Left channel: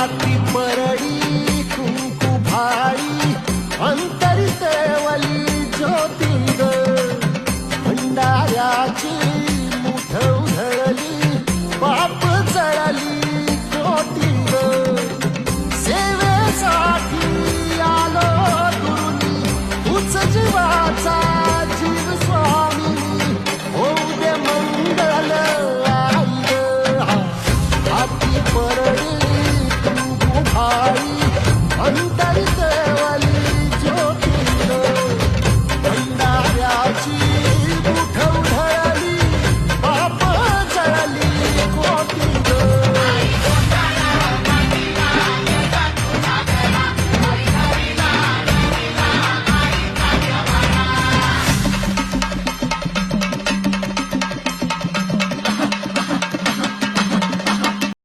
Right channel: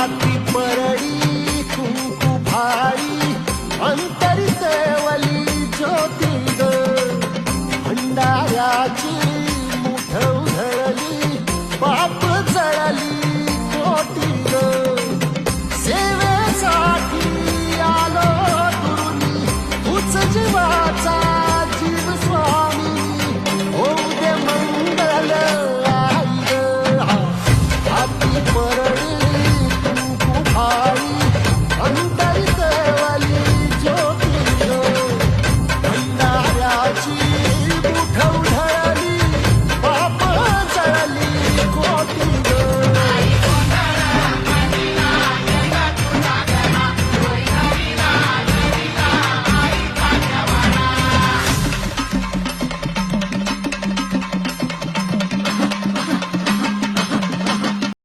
हाती परडी कुंकू भाई अंतरी सेवली ज्योती ग भंडाऱ्याची मुठ उधळली पाप जळली कोटी ग सेवेसाठी आलो दुरुनी तूच जीवाचा जीव स्वामी होऊ दे मंगल आई ग हाती परडी कुंकू भाई अंतरी सेवली